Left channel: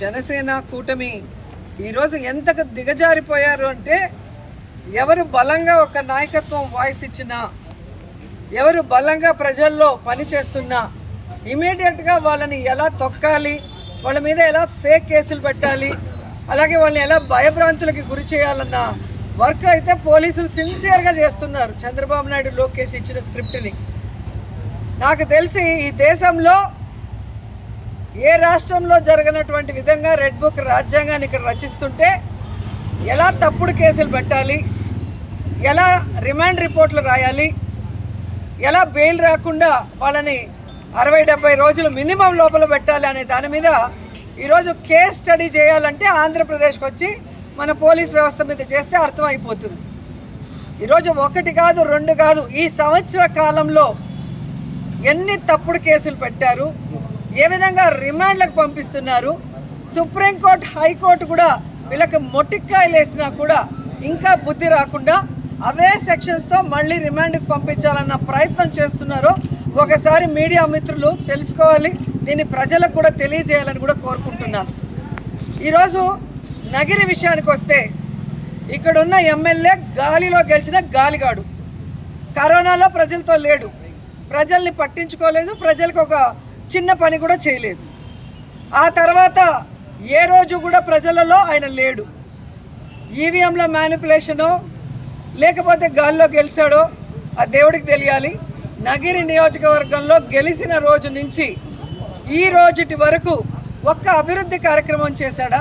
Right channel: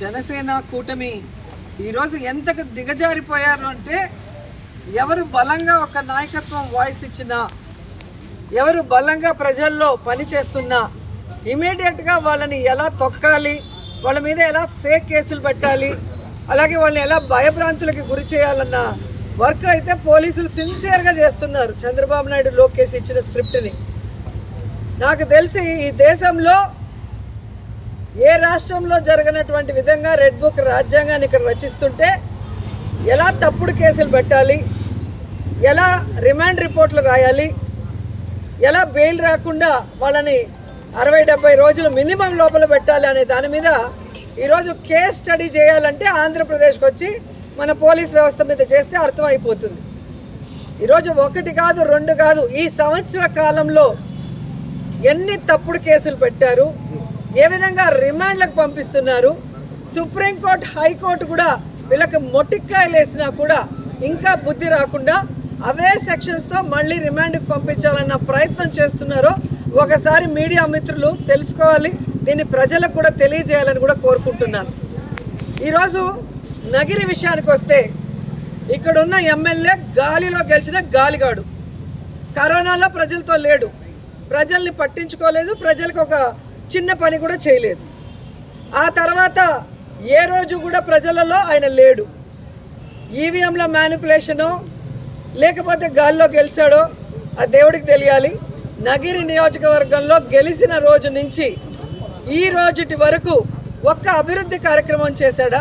జనసేన కూటమి ఈరోజు ఎంతకు దిగజారిపోయారు అంటే, ఎవరు బలంగా ఒక నాయకత్వం వాయిస్ ఇచ్చినా, ఎవరు బలంగా ప్రజల్లో పనిచేస్తున్నా ఇమీడియట్గా వాళ్ళని ఎలా తొక్కాలి, వాళ్ళ మీద ఎలా ఫేక్ కేసులు పెట్టాలి, అలాగే వాళ్ళని ఎలా భయభ్రాంతులకి గురి చేయాలన్న వర్క్ అయితే పోలీసులు సిన్సియర్గా చేస్తున్నారు. చంద్రబాబు నాయుడు, లోకేష్ ఇచ్చిన స్క్రిప్ట్ని నాకు తెలిసి ఈ దేశంలో ఏ రాష్ట్రంలో జరగనటువంటి విధంగా రెడ్ బుక్ రాజ్యాంగాన్ని ఇక్కడ రచిస్తుంటే ఎలా తప్పుడు కేసులు పెట్టాలి, ఎలా రిమాండ్ రిపోర్ట్లు రాయాలి, ఎలా బెయిల్ రాకుండా వాళ్ళని 60-70 రోజులు మినిమం లోపల పెట్టాలి అనే దాని మీద ఈరోజు కేస్ స్టడీ చేయాలంటే ఆంధ్రప్రదేశ్కి వచ్చి మన పోలీస్ వ్యవస్థ మీద చేస్తే అర్థమైపోతుంది. ఈరోజు 1 కాదు 2 కాదు, ఈ సంవత్సర కాలంలో ఎన్ని తప్పుడు కేసులు పెట్టారు, ఏ విధంగా రిమాండ్లకు పంపిస్తున్నారు. సుప్రీంకోర్టు, హైకోర్టు కూడా వీళ్ళకి మొట్టికాయలు వేసినా కూడా ఇంకా బుద్ధి రాకుండా అవే సెక్షన్స్తో మళ్ళీ రిమాండ్కి పంపించాలన్న ప్రయత్నం చేస్తున్నారో ఒకసారి మీడియా మిత్రులు తెలుసుకోవాలి. దీన్ని ప్రజలకు కూడా తెలియజేయాలని కూడా కోరుకుంటున్నాను. ఈరోజు నగిరి విషయానికి వస్తే, ఇక్కడున్న ఎమ్మెల్యే గాలిలో గెలిచిన గాలిగాడు. కరోనాలో ప్రజలతో లేడు, ప్రజల్ని పట్టించుకోలేదు, ప్రజలకు ఒక చిన్న పని కూడా చేయలేదు. ఆ తర్వాత ఏ రోజు కూడా ప్రజలలో ఆయన లేడు. ఈవీఎంల మ్యానిపులేషనో లేకపోతే గాల్లో గెలిచాడో ఆ దేవుడికి తెలియాలి. నగిరి నియోజకవర్గంలో గెలిచిన రోజు నుంచి ఈ రోజుటి వరకు ఒక్క అభివృద్ధి కార్యక్రమం చేశాడా?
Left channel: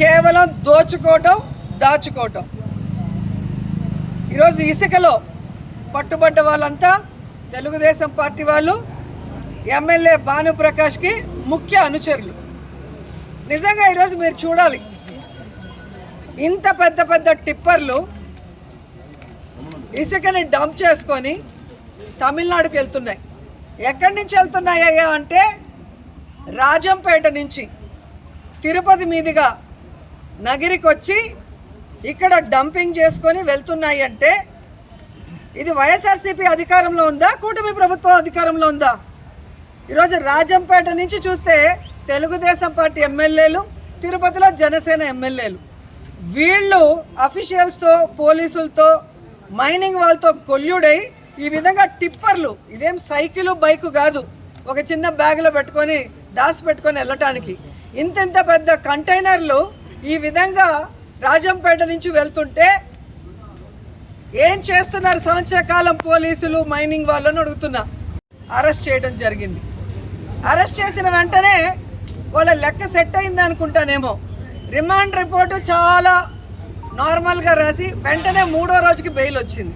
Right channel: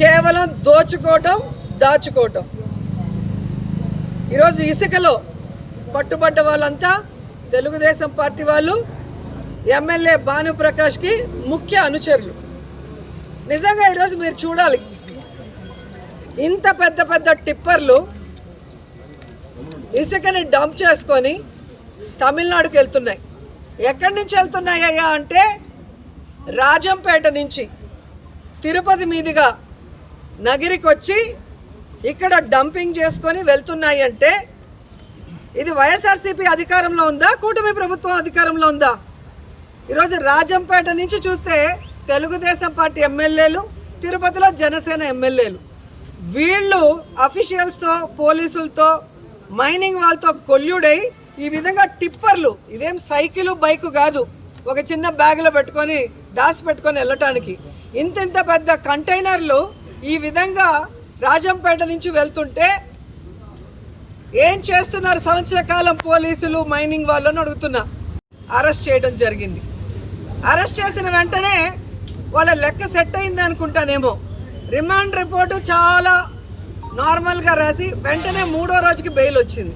కేవలం దోచుకోవటం, దాచుకోవటం. ఈరోజు ఇసుకలో పట్టుబడ్డ వాళ్ళంతా తెలుగుదేశం పార్టీ వాళ్ళు, ఎమ్మెల్యే భానుప్రకాష్కి ముఖ్య అనుచరులు. నిజంగా ఈరోజు మీరు చూడాలి, ఇంత పెద్ద పెద్ద టిప్పర్లు ఇసుకని డంప్ చేసుకొని తమిళనాడుకి వెళ్తున్నాయి. ఎక్కడి నుంచి వెళ్తున్నాయ్యా అంటే, రాజంపేట నుంచి తిరుపతి మీదుగా నగిరికి వచ్చి ఇక్కడ డంపింగ్ చేసుకొని వెళ్తున్నాయి. అంటే ఇది వైఎస్ఆర్సీపీ అధికారంలో ఉందా, కూటమి ప్రభుత్వం అధికారంలో ఉందా? ఈరోజు రాజంపేట నుంచి చూస్తే తెలుగుదేశం పార్టీ ఎమ్మెల్యేలు, తిరుపతిలో జనసేన ఎమ్మెల్యేలు, వీళ్ళు అఫీషియల్స్తో, పోలీసులతో, మైనింగ్ వాళ్ళతో కొల్యూడై ఈ విధంగా టిప్పర్లు, ఇదేం సైకిలు బైకు కాదు, ఒక చిన్న బ్యాగ్లో పెట్టుకొని దాచి పెట్టుకొని వెళ్ళటానికి ఇంత పెద్ద కంటైనర్లు ఈ విధంగా రాజంపేట నుంచి వెళ్తుంటే ఏం చేస్తున్నారు సంవత్సర కాలం పోలీసులు, మైనింగ్ వాళ్ళని అడుగుతున్నా. అరెస్ట్ చేయడం జరిగింది. అరెస్ట్ చేసిన వెంటనే వాళ్ళ లెక్క సెట్ అయింది అనుకుంటానేమో. రిమాండ్ రిపోర్టు చాలా నార్మల్గా రాసి వెంటనే 3వ రోజుకి బెయిల్ వచ్చింది.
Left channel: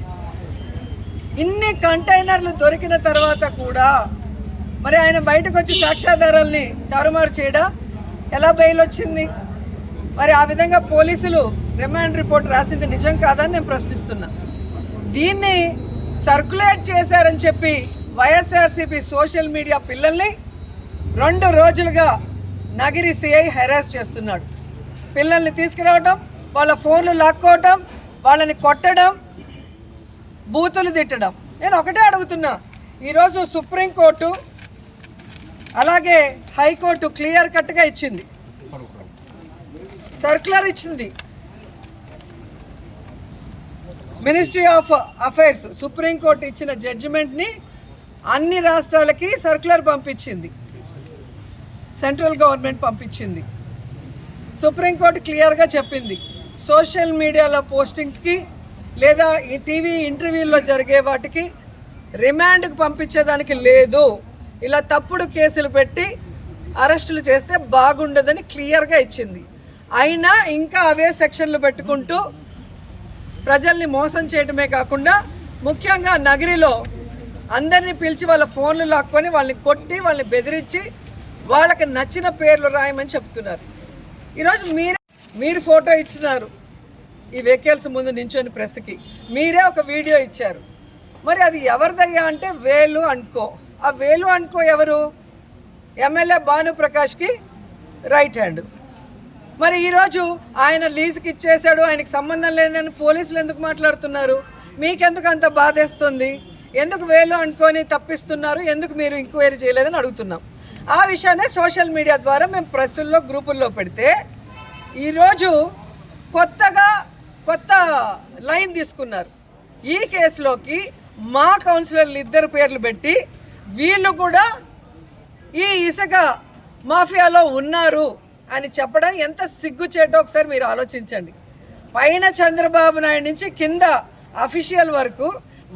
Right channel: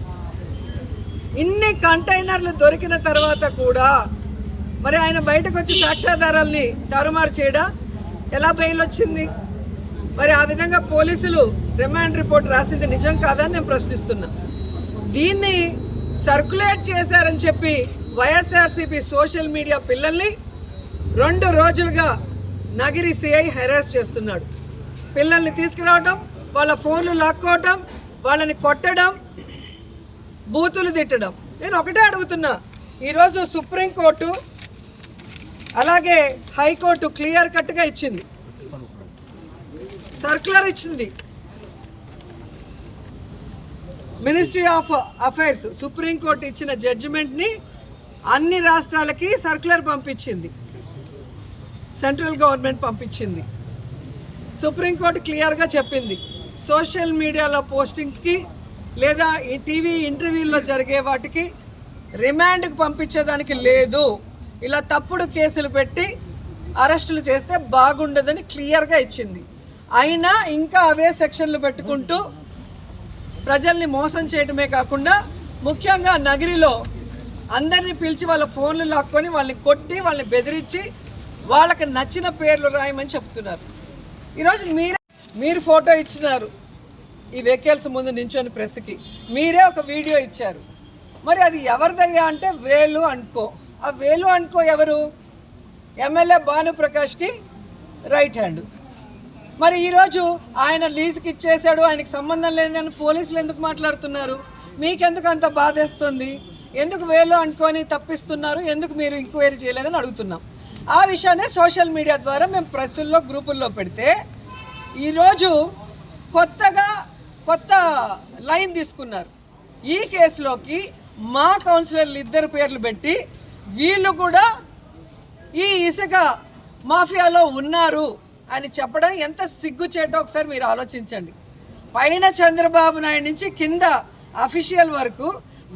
ఇన్ని కంటైనర్లు దొరికిన తర్వాత కూడా మరి ఆయన బయటకు వచ్చి సాక్ష్యాధారాల్ని తారుమారు చేయడా? ఎలా బెయిల్ వచ్చింది? మరి ఆ విధంగా పోలీసులు రిమాండ్ రిపోర్ట్ రాసింది నిజం కాదని నేను ప్రశ్నిస్తున్నా. దీన్ని సర్క్యులేట్ చేశారని చెప్పి వైఎస్ఆర్సీపీ సోషల్ మీడియా పిల్లల్ని 2 రోజులుగా నగిరి సిఐ హెరాస్ చేస్తున్నాడు. పిల్లల్ని తీసుకురావడం, వాళ్ళ ఫోన్లు లాక్కోవటం, వాళ్ళని కొట్టడం, బూతులు తిట్టడం. నేను ఒకటే అడుగుతున్నా, ఈరోజు సుప్రీంకోర్టు అలాగే హైకోర్టు క్లియర్ కట్గా ఇచ్చింది, సర్క్యులర్ ఇచ్చింది. మినిస్ట్రీ ఆఫ్ అఫైర్స్, సుప్రీంకోర్టు ఇచ్చిన జడ్జిమెంట్ని అన్ని రాష్ట్రాలకి సర్క్యులర్ పంపించింది, సెంట్రల్ గవర్నమెంట్ పంపించింది. సుప్రీంకోర్టు క్లియర్గా చెప్పింది, సోషల్ మీడియాలో పోస్టింగ్స్కి లేదా ఈ టీవీ ఇంటర్వ్యూల్లో జరిగే వాటికి రిమాండ్కి పంపించేదానికి లేదు. ఇలా తప్పుడు కేసులు పెట్టి అరెస్టులు చేస్తే బాగుండదని క్లియర్గా ఇచ్చింది. అయినా ఇంకా అవే సెక్షన్లు పెట్టుకుంటూ ప్రజల్ని మోసం చేయడమే కాకుండా ముఖ్యంగా నగిరిలో అందరినీ పిలిచి వాళ్ళ ఫోన్లు లాక్కొని వాళ్ళని కొట్టి వాళ్ళని బెదిరించి వాళ్ళకి నచ్చిన పేర్లు రాయమని చెప్తున్నారు. ఈరోజు మీరు ఫోటో ఇచ్చినారు ఈ వెహికల్స్ ముందు నించొని ప్రెస్కి, మీరే ఒక వీడియో ఇచ్చారు. మరి అది ఎవరిదయ్యా అంటే వేలు అనుకో. ఆ వేలు అనుకో ఎవరు? ఎమ్మెల్యే భానుప్రకాష్కి రైట్ హ్యాండ్. మరి ఈరోజు ఆయన లీజుకి ఇచ్చేశాడు, ఆయనకి సంబంధం లేదని పోలీసులు ఎందుకు మాట్లాడుతున్నారు? మీకెందుకు అంత బాధేస్తుంది? ఎందుకు వేలు అనుకొని తప్పిస్తున్నారు? ఎందుకు మీరు ఎంక్వైరీ చేయలేదని అడుగుతున్నాం. ఆ విషయాన్ని సోషల్ మీడియా ద్వారా మేము ప్రెస్సుల్లో గ్రూపుల్లో పెడితే ఈరోజు కొత్త లైన్ తీసుకున్నారు. ఈ కేసులోకి మా కౌన్సిలర్లు 2 పేర్లు పెట్టి వీళ్ళు కూడా ఈ ఇసుక మాఫియాలో ఉన్నారు అని చెప్పడం ఎంత సిగ్గుచేటో ఒకసారి మీరు ఆలోచించండి. పైన చంద్రబాబు నాయుడు నుంచి కింద అఫీషియల్ వరకు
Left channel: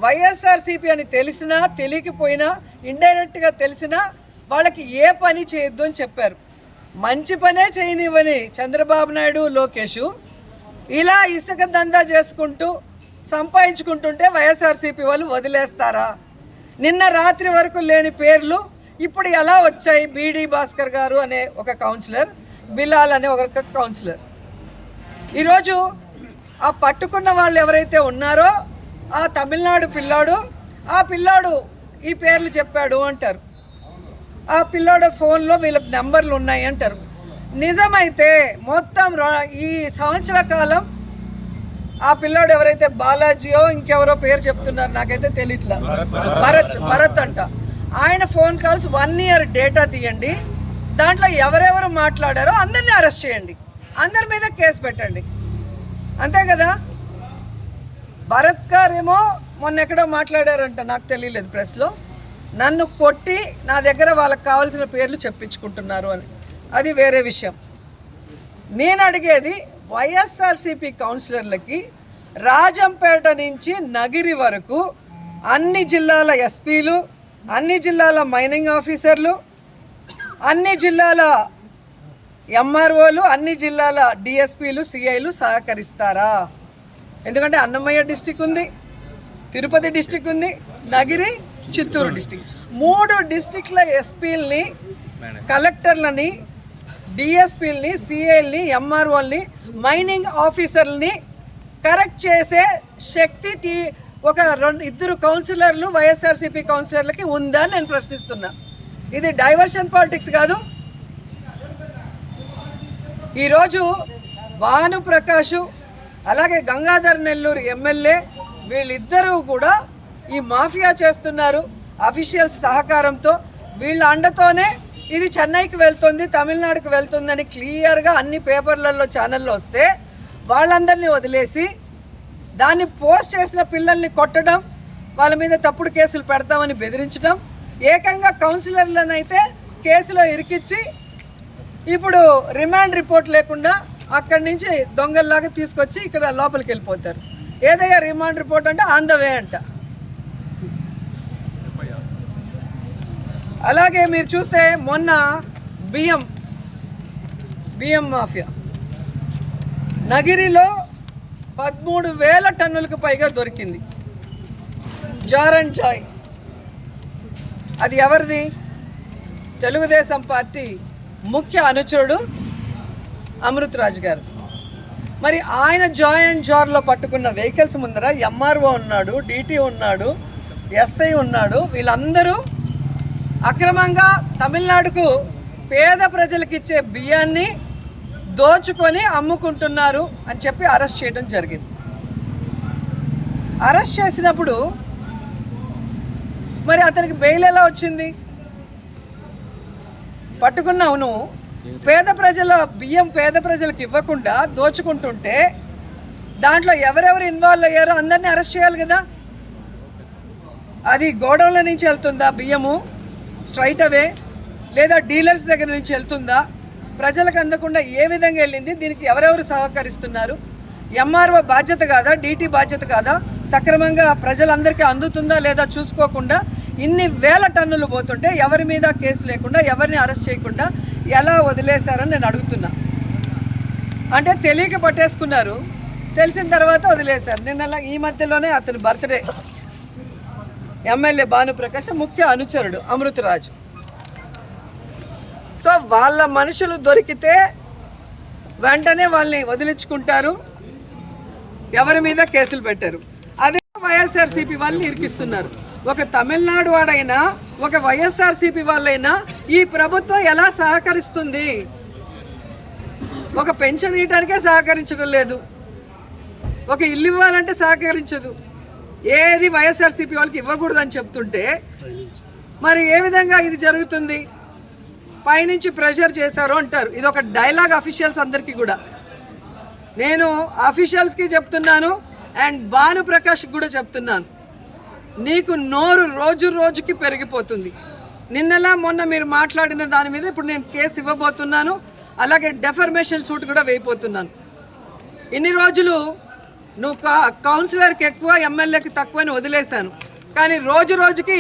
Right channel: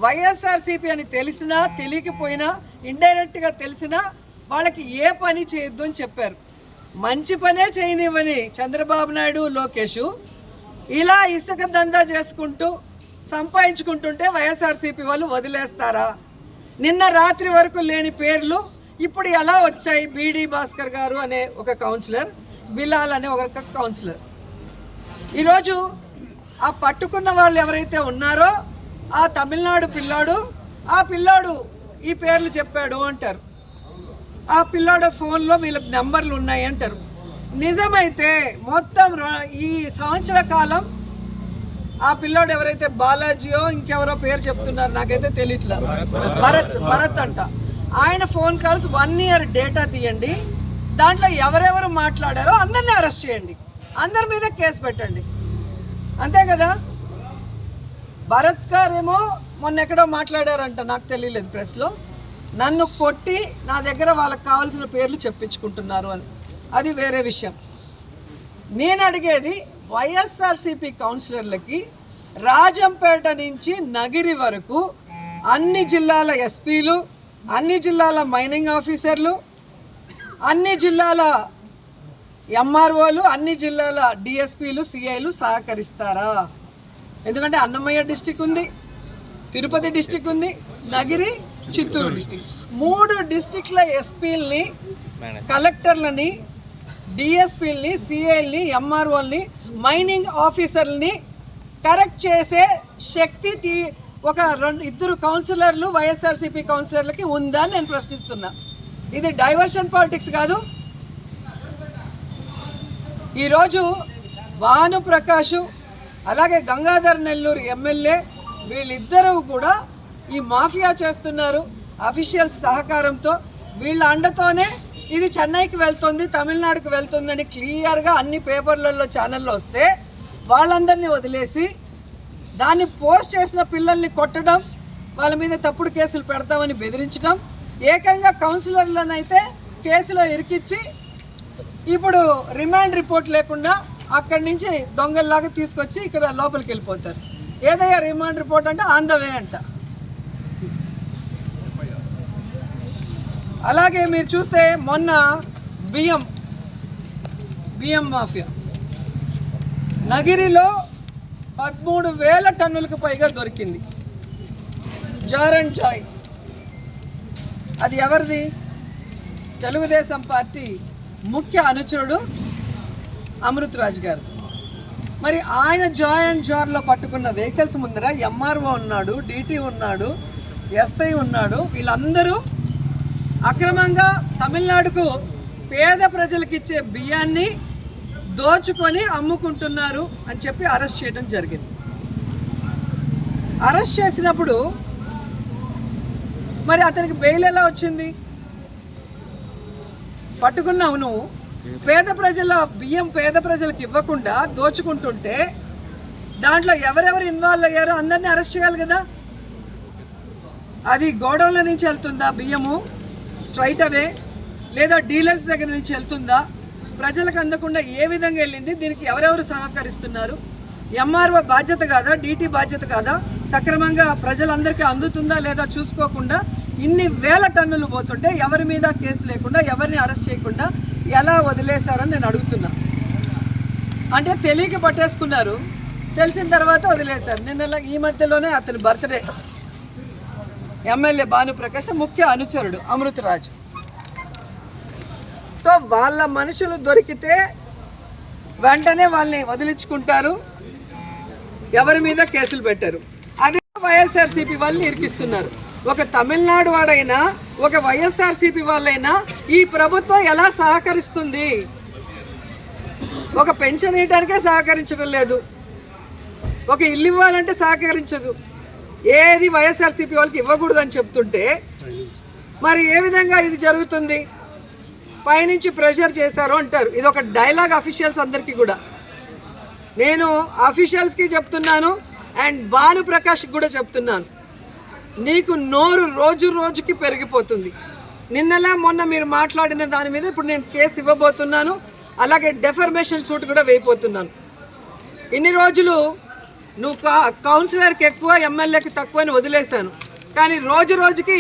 వైఎస్ఆర్సీపీ అని తెలిసినా తెలియకపోయినా ఇండైరెక్ట్గా తెలిసినా వాళ్ళకి ఏ పని చేయొద్దు అని చెప్పారు. మంచి పనే చేయనివ్వని చంద్రబాబు నాయుడు లోకేష్ ఇలా ఇసుక దందా చేసుకుంటూ సంపాదించుకుంటుంటే వైఎస్ఆర్సీపీ వాళ్ళు వదిలేస్తారా? నిన్న రాత్రి వరకు లేని పేర్లు ఇప్పుడు ఎలా వచ్చాయి? బీడీ భాస్కర్ గారు అనే ఒక కౌన్సిలర్, బిలాల్ అనే ఒక కౌన్సిలర్. ఈరోజు ఆ పట్టుకున్న వాళ్ళు ఎవరైతే ఉన్నారో ఆ తమిళనాడు పిల్లాడు ఈ పేర్లు చెప్పాడు అంటారు. ఆ పిల్లాడు ఫోన్లో వీళ్ళ నెంబర్లు ఉన్నాయి అంటారు. నిజమైతే మొత్తం ఈ సంవత్సర కాలం ఆ పిల్లాడు ఎవరైతే బాలాజీయో ఇంకెవరో పేరు చెప్తున్నారు, నాకైతే తెలియట్లా, భరత్ అంట. ఆయన ఫోన్ కాల్స్ 1 year డేటా తీయండి. దాంట్లో ఎవరెవరు మాట్లాడారో అందరినీ అరెస్ట్ చేయండి, అందరి మీద కేసు పెట్టండి. అంతే కదా? భరత్ గారేమో మొన్న ఎక్కడో మాట్లాడారంట, నాకు తెలియలేదు ప్రెస్లో, నన్ను కొట్టి నా దగ్గర వాళ్ళకి కావాల్సిన పేర్లు చెప్పించుకుంటున్నారు అని. అది వేరే విషయం. నేను అడిగేది వైఎస్ఆర్సీపీ కౌన్సిలర్లకి రాజంపేట నుంచి నగిరి వరకు అన్ని జిల్లాల ఎస్పీలు, అన్ని జిల్లాల మైనింగ్ ఆఫీసర్లు, అన్ని జిల్లాల ఎంఆర్ఓలు, అన్ని జిల్లాల డిఎస్పీలు, సిఐలు సహకరిస్తారా? ఎందుకంటే అన్నమయ్య డిస్టిక్ ఉంది, తిరుపతి డిస్టిక్ ఉంది, నగిరి, చిత్తూరు డిస్టిక్, 3 డిస్టిక్ల ఎస్పీలని, కలెక్టర్లని, డిఎస్పీలని, సిఐల్ని, ఎంఆర్ఓల్ని, మైనింగ్ ఆఫీసర్లని కరెక్ట్ చేసే శక్తి ఒక 2 కౌన్సిలర్లు వైఎస్ఆర్సీపీ కౌన్సిలర్లకి ఉందా అని నేను ప్రశ్నిస్తున్నా. ఇది డైవర్షన్ పాలిటిక్స్ కాదు. ఈరోజు భానుప్రకాష్ అలాగే గంగాధర్ నెల్లూరు ఎమ్మెల్యే వీళ్ళిద్దరూ కూడా ఈ మాఫియా చేస్తున్నారు అఫీషియల్స్ సహకారంతో. వీళ్ళ అండతోనే ఇది చెన్నైకి వెళ్తుంది, తమిళనాడుకు వెళ్తుందని క్లియర్గా అన్ని పేపర్లలో ఛానల్లో వస్తే వాళ్ళందరినీ వదిలేసి దాన్ని పోస్ట్ చేసిన పిల్లల్ని కొట్టడం, వాళ్ళ మీద తప్పుడు కేసులు పెడతామని బెదిరించడం, ఏకంగా కౌన్సిలర్లను అయితే కేసులో ఇరికిచ్చి ఇప్పుడు రిమాండ్ రిపోర్ట్ లేకుండా అక్కడి నుంచి దొంగల్లాగా తీసుకొచ్చి ఇక్కడ లోపలికి వెళ్ళిపోతారు. ఏదయ్యా రిమాండ్ రిపోర్ట్ అంటే ఆన్ ద వే అంట. అలాగే మీరు చూస్తే మొన్న బియ్యం మాఫియా నగిరిలో 13,000 టన్నులకు పైగా దొరికింది. జార్ అండ్ జాయ్ అది ఎవరిది? తెలుగుదేశం పార్టీ ముఖ్య అనుచరుడు అమృత్ రాజ్ గారు. మరి ఆయన జాయ్ అండ్ జార్లో పట్టుకున్న వెహికల్స్ ముందర ఎంఆర్ఓ ఉన్నాడు, డిటి ఉన్నాడు, ఎస్ఐ ఉన్నాడు. వీళ్ళందరూ అక్రమంగా తమిళనాడుకు పేద ప్రజలకు ఇచ్చే బియ్యాన్ని దోచుకొని అమ్ముకుంటున్నారు అని చెప్పి అరెస్ట్ చేయడం జరిగింది. అరెస్ట్ చేసినప్పుడు మరి అతనికి బెయిల్ ఎలా వచ్చింది? పట్టుకున్నావు నువ్వు, పేద ప్రజల బియ్యం పేద ప్రజలకు ఇవ్వకుండా దోచుకుంటుంటే దాంట్లో ఎవరెవరు ఇన్వాల్వ్ అయ్యారో అందరినీ అరెస్ట్ చేయాలి కదా. అది గోడౌన్ల నుంచి వెళ్తుందా బియ్యము స్ట్రైట్ అవే, లేదా డీలర్స్ దగ్గర నుంచి వెళ్తుందా, ప్రజలకు అందకుండా ఏ విధంగా వెళ్ళింది, దీనికి ఎవరెవరు సహకరిస్తున్నారు, ఎంఆర్ఓ బాధ్యత కాదా, డీటీ బాధ్యత కాదా, సక్రమంగా ప్రజలందరికీ అందుతుందా లేదా చూసుకోకుండా ఇన్ని వేల టన్నులు పోతుంటే ఎవరి మీద కేసు లేకుండా ఎవరిని అరెస్ట్ చేయకుండా ఎలా వదిలేశారని నేను అడుగుతున్నా. అంటే తెలియక పట్టేసుకున్నారు, తెలిసిన తర్వాత వదిలేశారు. నిన్న ఈ మధ్యలోనే అతని బర్త్డే, ఎమ్మెల్యే భానుప్రకాష్ ముఖ్య అనుచరుడు అమృత్ రాజ్. సో వాళ్ళ మనుషులు దొరికితే వెంటనే వాళ్ళని వదిలించుకుంటారు, ఎవరి మీద కేసులు పెట్టారు. అదే వైఎస్ఆర్సీపీ వాళ్ళని ఇరికిస్తున్నారు. ఒక తమిళనాడు వాడైనా ఒక వైఎస్ఆర్సీపీ వాళ్ళైనా ఈ ప్రభుత్వం ఎలా సహకరిస్తుంది? ఒక పెన్షన్ ఇవ్వడానికే సహకరించడం లేదు, ఒక ఇల్లు ఇవ్వాలంటే సహకరించదు, ఏది వైఎస్ఆర్సీపీ వాళ్ళకి ఇవ్వకూడదని చెప్తుంటే మరి ఏ విధంగా ఇది జరుగుతుంది? పైనుంచి ప్రెషర్ చేశారు అంటారు. ఇది ఒక డైలాగ్ అఫీషియల్స్ అందరికీ కూడా. నేను అఫీషియల్స్కి చెప్తున్నాను అండ్ భానుప్రకాష్కి కూడా చెప్తున్నాను, నీకు నోరు రోజు రోజుకి పెరిగిపోతుంది. నిన్నలా మొన్న మీరు మాట్లాడిన దాని మీద ఇప్పుడు నేను కేసు ఇవ్వబోతున్నాను. అలాగే డెఫర్మేషన్ సూట్ కూడా వేయబోతున్నాను. ఇన్ని రోజులు నువ్వు కౌన్సిలర్కి ఎక్కువ ఎమ్మెల్యేకి తక్కువ అని వదిలేశాను, కానీ రోజు రోజుకి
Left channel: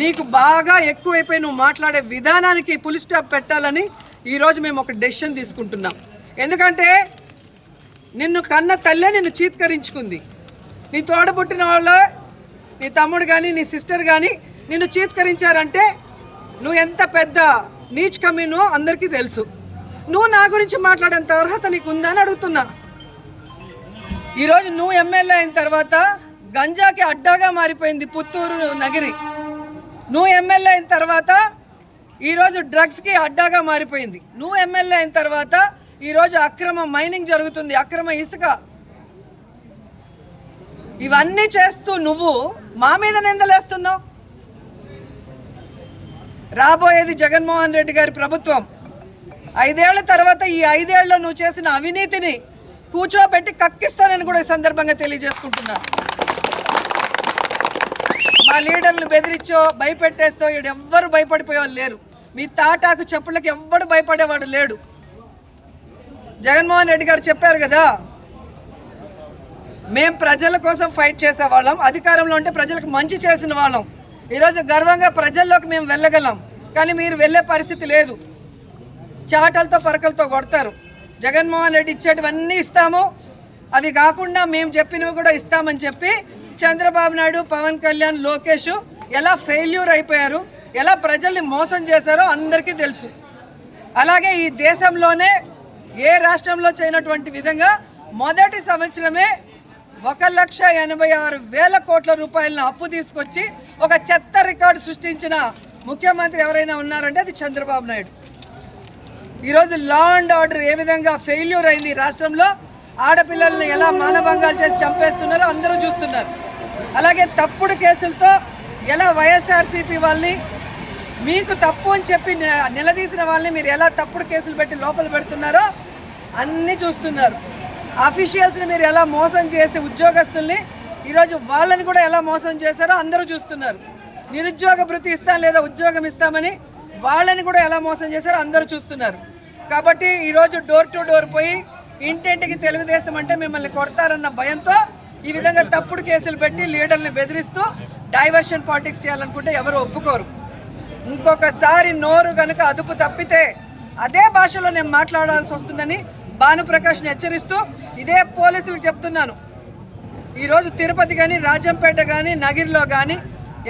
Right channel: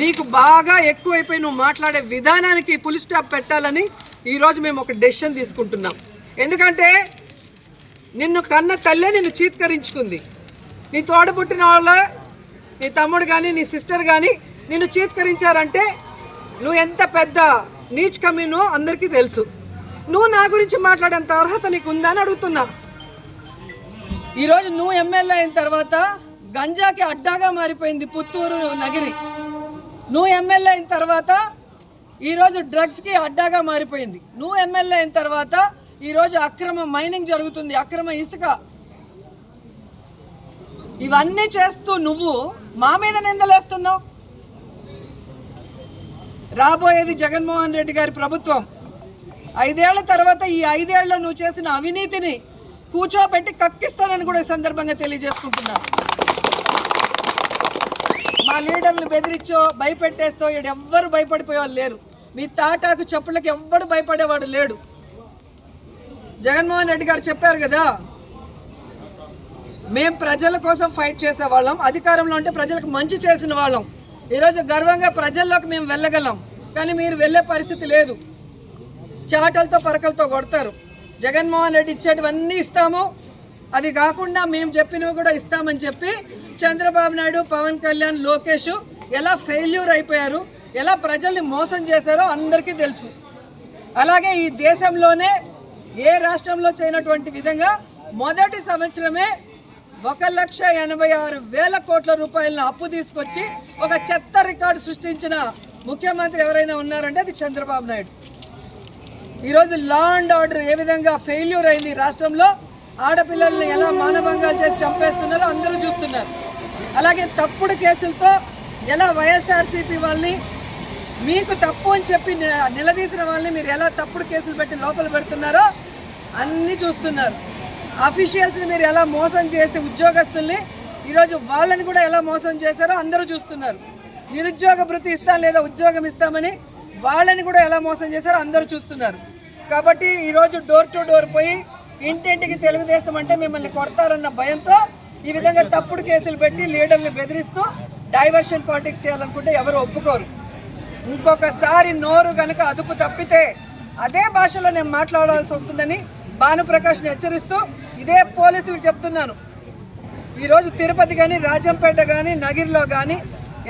నీకు బాగా ఎక్కువైపోయి నువ్వు మాట్లాడే విధానానికి ఫుల్ స్టాప్ పెట్టాలని ఈరోజు మేము ఒక డెసిషన్ తీసుకుంటున్నాం. ఎందుకంటే నిన్ను కన్న తల్లే నిన్ను చీత్కరించుకుంది. నీ తోడబుట్టిన వాళ్ళే, నీ తమ్ముడు కానీ నీ సిస్టర్ కానీ నిన్ను చీత్కరించారంటే నువ్వు ఎంత పెద్ద నీచ్ కమీనో అందరికీ తెలుసు. నువ్వు నా గురించి మాట్లాడేంత అర్హత నీకు ఉందా అని అడుగుతున్నా. ఈరోజు నువ్వు ఎమ్మెల్యే అయిన తర్వాత గంజాకి అడ్డాగా మారిపోయింది పుత్తూరు నగరి. నువ్వు ఎమ్మెల్యే అయిన తర్వాత ఈరోజు డ్రగ్స్కి అడ్డాగా మారిపోయింది. నువ్వు ఎమ్మెల్యే అయిన తర్వాత ఈరోజు అక్రమ మైనింగ్ జరుగుతుంది, అక్రమ ఇసుక. ఇవన్నీ చేస్తూ నువ్వు మా మీద నిందలేస్తున్నావు. రాబోయేది జగన్మోహన్ రెడ్డి గారి ప్రభుత్వం. 5 ఏళ్ల తర్వాత ఈ 5 ఏళ్లలో నువ్వు చేసిన అవినీతిని కూర్చోబెట్టి కక్కిస్తానని కూడా ఈ సందర్భంగా తెలియజేసుకుంటున్నా. మా లీడర్లు బెదిరించో భయపెట్టేస్తో ఎవ్వరు భయపడిపోయేవాళ్ళు లేరు. మీ తాటాకు చెప్పులకి ఎవ్వడు భయపడేవాడు లేడు. జగన్మోహన్ రెడ్డి గారు చెప్పారు కదా, మేం ప్రజల కోసం ఫైట్ చేసేవాళ్ళం, అధికారంలో ఉంటే ప్రజలకు మంచి చేసిన వాళ్ళం. ఈరోజు గర్వంగా ప్రజల్లోకి మేము వెళ్ళగలం, కానీ మీరు వెళ్ళే పరిస్థితి లేదు. చాటలతో పరకలతో కొడతారు. జగన్మోహన్ రెడ్డి ఇచ్చేటివన్నీ ఇస్తాము, అవి కాకుండా మేము చెప్పినవి కూడా ఇస్తామని చెప్పి చంద్రబాబు నాయుడు, పవన్ కళ్యాణ్, లోకేష్ ఎలా ఫెయిల్యూర్ అయిపోయారు, ఎలా ప్రజల్ని మోసం చేశారో అందరికీ తెలుసు. అలాగే ఈ దేశంలోనే ఏ రాష్ట్రంలో చేయనటువంటి విధంగా మొదటి సంవత్సరమే 1,86,000 కోట్ల రూపాయలను అప్పు తీసుకొచ్చి ఒక చెత్త రికార్డు సృష్టించిన ముఖ్యమంత్రి ఎవరైనా ఉన్నారంటే అది చంద్రబాబు నాయుడు. ఈరోజు లా అండ్ ఆర్డర్ ఏ విధంగా ఫెయిల్యూర్ అయింది రాష్ట్రంలో, ఆడపిల్లల్ని ఎలా మానభంగాలు చేసి చంపేస్తున్నారో అందరూ చూస్తున్నారు. అలాగే తప్పుడు కేసులతో ఎలా వైఎస్ఆర్సీపీ వాళ్ళని, మీకు తప్పు అని చెప్పి నిలదీసిన వాళ్ళని మీరు ఎలా తప్పుడు కేసులు పెట్టి లోపల పెడుతున్నారో అన్నీ చూస్తున్నారు. అఫీషియల్స్ని మీరు ఎలా మోసం చేసి ఉద్యోగస్తుల్ని ఈరోజు వాళ్ళని కూడా ఎలా మోసం చేశారో అందరూ చూస్తున్నారు. నిరుద్యోగ భృతి ఇస్తాం లేదా ఉద్యోగం ఇస్తామని వాళ్ళని కూడా ఎలా మోసం చేశారో అందరూ చూస్తున్నారు. కాబట్టి ఈరోజు డోర్ టు డోర్ పోయి ఇంటింటికి తెలుగుదేశం అంటే మిమ్మల్ని కొడతారన్న భయంతో ఈ విధంగా తప్పుడు కేసులు పెట్టి లీడర్ని బెదిరిస్తూ డైవర్షన్ పాలిటిక్స్ చేయాలనుకుంటే ఎవరు ఒప్పుకోరు. ఇంకొకసారి నోరు కనుక అదుపు తప్పితే అదే భాషలో నేను మాట్లాడాల్సి వస్తుందని భానుప్రకాష్ని హెచ్చరిస్తూ ఇదే పోలీసులకు చెప్తున్నాను. ఈరోజు తిరుపతి కానీ, రాజంపేట కానీ, నగిరిలో కానీ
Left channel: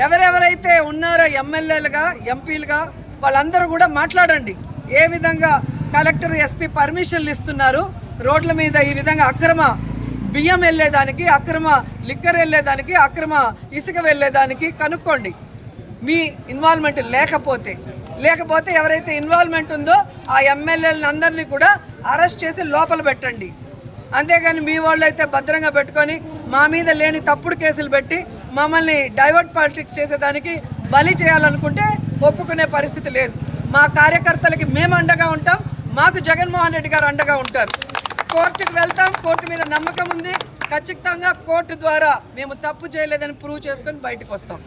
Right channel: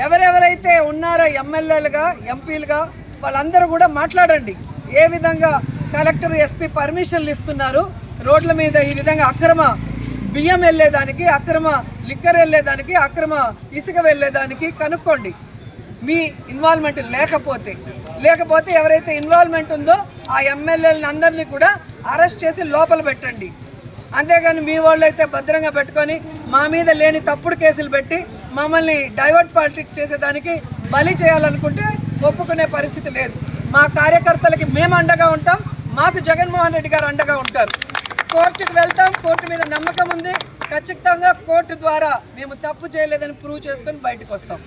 ఎవరెవరైతే ఉన్నారో ఎమ్మెల్యేలుగా, ఎంపీలుగా వాళ్ళందరూ కూడా మాట్లాడండి. ఏ విధంగా కలెక్టర్, ఎస్పీ పర్మిషన్లు ఇస్తున్నారు, రోడ్ల మీద ఈ విధంగా అక్రమ బియ్యం వెళ్ళేదానికి, అక్రమ లిక్కర్ వెళ్ళేదానికి, అక్రమ ఇసుక వెళ్ళేదానికి కనుక్కోండి. మీ ఇన్వాల్వ్మెంట్ లేకపోతే ఎవరైతే ఇన్వాల్వ్మెంట్ ఉందో ఆ ఎమ్మెల్యేలను అందరినీ కూడా అరెస్ట్ చేసి లోపల పెట్టండి. అంతేగాని మీ వాళ్ళు అయితే భద్రంగా పెట్టుకొని మా మీద లేని తప్పుడు కేసులు పెట్టి మమ్మల్ని డైవర్ట్ పాలిటిక్స్ చేసేదానికి బలి చేయాలనుకుంటే ఒప్పుకునే పరిస్థితి లేదు. మా కార్యకర్తలకి మేము అండగా ఉంటాం, మాకు జగన్మోహన్ రెడ్డి గారు అండగా ఉంటారు. కోర్టుకు వెళ్తాం, కోర్టు మీద నమ్మకం ఉంది, ఖచ్చితంగా కోర్టు ద్వారా మేము తప్పు చేయలేదని ప్రూవ్ చేసుకొని బయటకు వస్తాం.